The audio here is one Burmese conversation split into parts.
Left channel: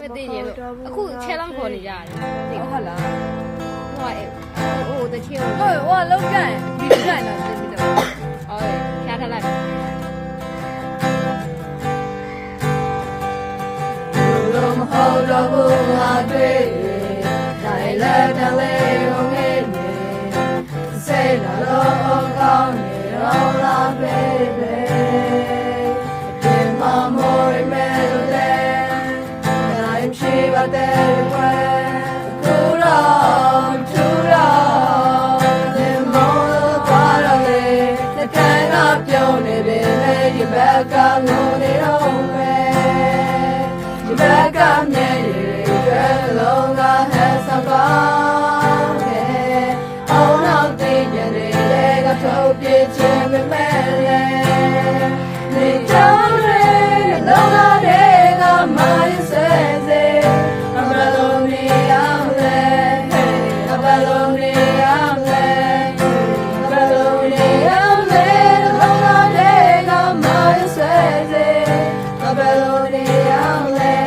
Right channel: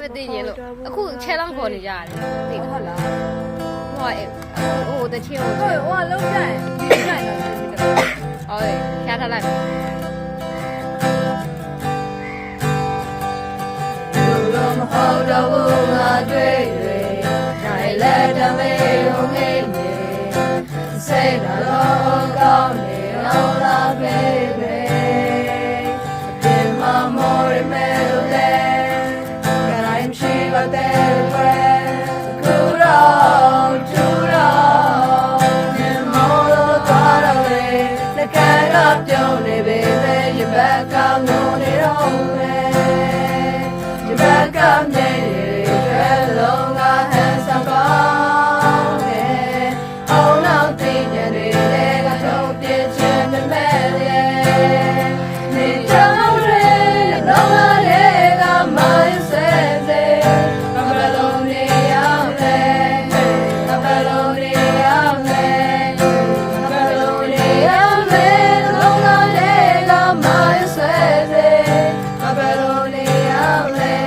မသိရလို့အခုချဲလောင်းခေါ်နေကြရတယ်သိဟုတ်လားဟိုတချင်းဟိုလောက်ကြတယ်ဒီတိုင်းတော့ဒီတော့ဟုတ်ရထားလိုက်လူမဟုတ်တော့ဘူးငါတွေ့ရနိုင်လက်တလေးကိုငေးနေစိတ်တော့ကောင်းနေအောင်လာပြေးပြေးဒီမှာမော်ရမဲလို့လေငါရင်ရှိပါတဲ့ခွဲကူရောတူရောဒီမော်လို့သွားတော့လေနှကန်းကပြုံးနေပေမဲ့ရဘက်ကငုံနေတော့မယ်ဒီဘက်ကမျက်ရည်တွေလုံးကဟန်ဆောင်ကောင်းတယ်အောင်နောက်သိညနေတဲ့ကထုတ်ပြခြင်းမမဲ့လေနေကြောင်းတွေလုံးကတွေကမိုင်းဆဲစေအဘလုံးနေရမယ်အဘလုံးနေရမယ်အဘလုံးနေရမယ်လုံးကတွေကမိုင်းဆဲစေအဘလုံးနေရမယ်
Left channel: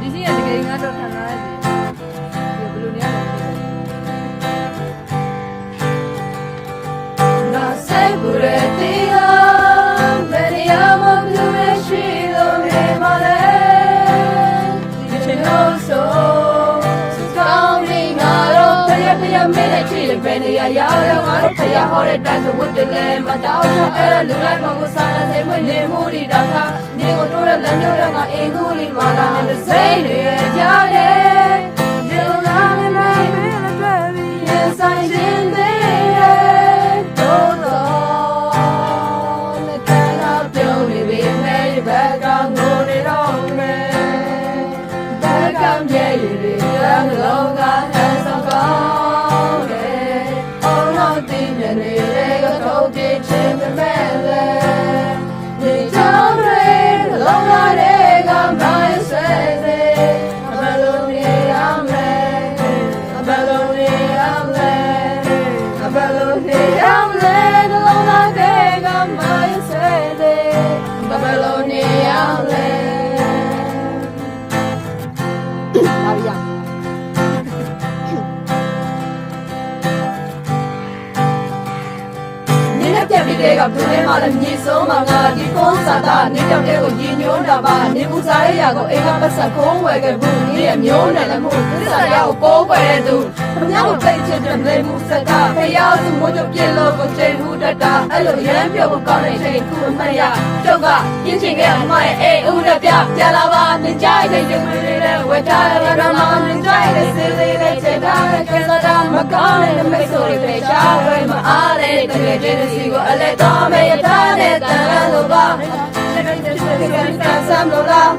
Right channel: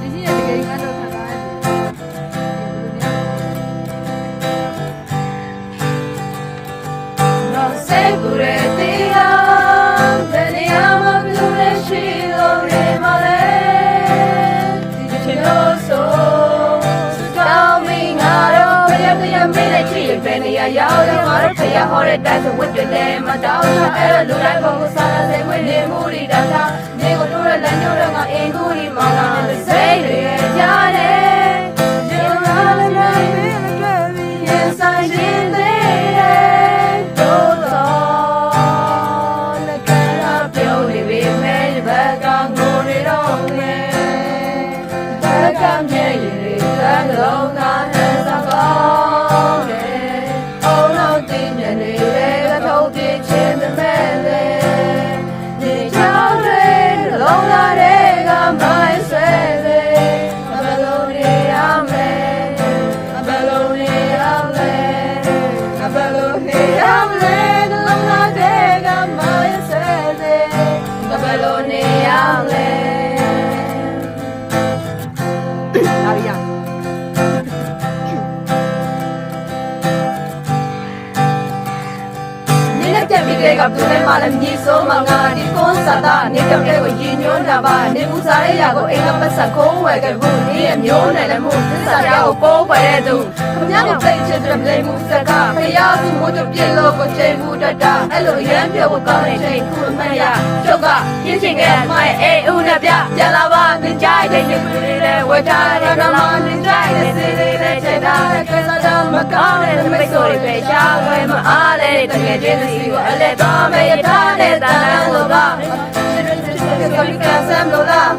ဒီနေ့တကယ်ငါတော့ခံရတယ်ဒီဘယ်လိုနေရနော်စိတ်ကူရဲ့တရားဘယ်နေရာမှာဘယ်လိုလဲရှိလို့နေမလဲဒီချိန်တော့ဆိုတောင်းမိငါတော့ဖျက်မင်းနဲ့ချစ်ရဘယ်နေရာရောက်ရောက်ငါတို့ဖျက်ဟောတဲ့တိုင်းဆိုဝတ်တယ်နဲ့မတောင်းတော့အဲ့လိုလူလိုက်ပုံကိုစားရတဲ့ခွင့်နေမှုတွေတောင်းတာနေကိုတို့ရဲ့လက်ညှိုးတော့ငါအင်ကူဒီမှာလာစိတ်တွေကြားတယ်ဒီလိုလားလည်းမင်းတို့ရင်ဆိုင်ခြင်းတဲ့တို့တော့လည်းကလာပြုံးနေပြီမဲ့ဘက်ကငိုနေတော့မယ်ဘက်ကမြဲရည်ကလုံးကဟန်ဆောင်ကောင်းတယ်အောင်နောက်သိနေနေတဲ့ကတော့ပြင်းချင်းမဲ့လေဒီချောင်းတွေလုံးလာတွေကမိုင်းဆဲစေအဘလုံးနေရမယ်အဘလုံးနေရမယ်အဘလုံးနေရမယ်လုံးလာတွေကမိုင်းဆဲစေအဘလုံးနေရမယ်လာရပြတ်ပြီးကသူနဲ့မှလည်းမြည်စိုးမှငါဒီကုန်းစာသားနေတောင်တဲ့ကိုရင်ညွှန်းတာပါနေပူစားရရကိုအိမ်ကပတ်ဆက်ကုန်းဝယ်ခဲ့ဘူးနေရမျိုးနဲ့လည်းမှုသစ္စာရောက်ကိုကုန်းဝယ်တဲ့သူခမရကိုတိတ်ချစ်တဲ့လိမ်မှုစကားဖျားသူမို့ပြည့်လို့ကိုချိန်မှုတတာအဲ့လိုရမ်းပြောကောင်းတဲ့ချိန်ခုအမှန်ရကျုပ်ကပြင်းချင်ခဲ့မိုင်းအေးဦးနဲ့ပြလာပါနေကြတဲ့ချိန်တွေလည်းဝတ်ထားတယ်ကမှနေကြတဲ့စေလေးပဲချက်ထားတဲ့ခက်တာမကောင်းတဲ့မိတ်ဆွေတွေပဲရှားဝဲမအားတဲ့တကယ်ချင်းစီကိုအလက်တော်မဲ့ရထားတဲ့တန်လို့ပါဒီလိုကဆမ်းလို့လား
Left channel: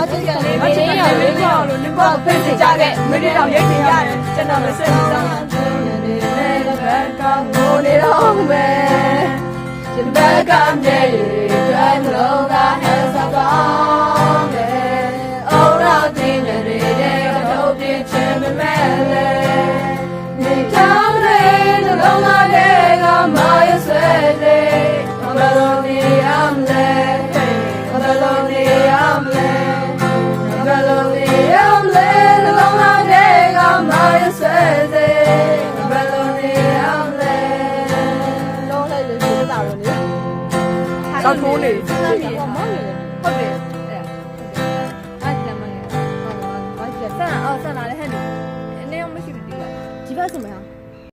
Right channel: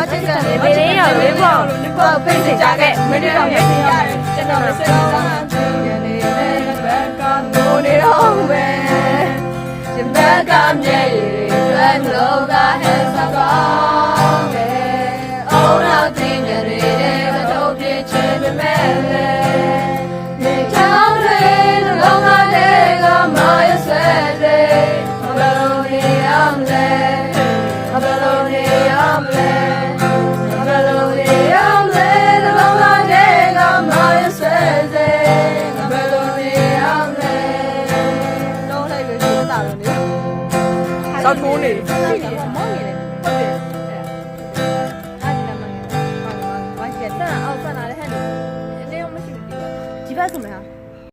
အချစ်ကနေမင်းရလေးပေါ့လို့ဒီပေါ်ဖိတ်ကြခဲ့မင်းတို့ရက်စီရတယ်ကျွန်တော်လည်းဆွေးနွေးတာပြင်းနေတယ်ဘက်ကငိုနေတော့မယ်ဒီဘက်ကမြဲရည်တွဲလို့ကဟဲ့စကောင်းတယ်အော်တော့တင်းကြတဲ့တော့ပြချင်မဲ့လေဒီချောင်းတွေလုံးလာတဲ့ကမိုင်းဆဲလေအဘလုံးနေရမယ်အဘလုံးနေရမယ်အဘလုံးနေရမယ်လုံးလာတဲ့ကမိုင်းဆဲလေအဘလုံးနေရမယ်လုံးလိုက်လို့ရှိတာလို့လေစောက်ထိုးနေပြီမောင်းနေတယ်ဟုတ်တယ်အဲ့ဒီနမဘာကျန်အောင်စနာလည်းဟဲ့နေမရှိဘူးဒီဘက်ဆိုမလား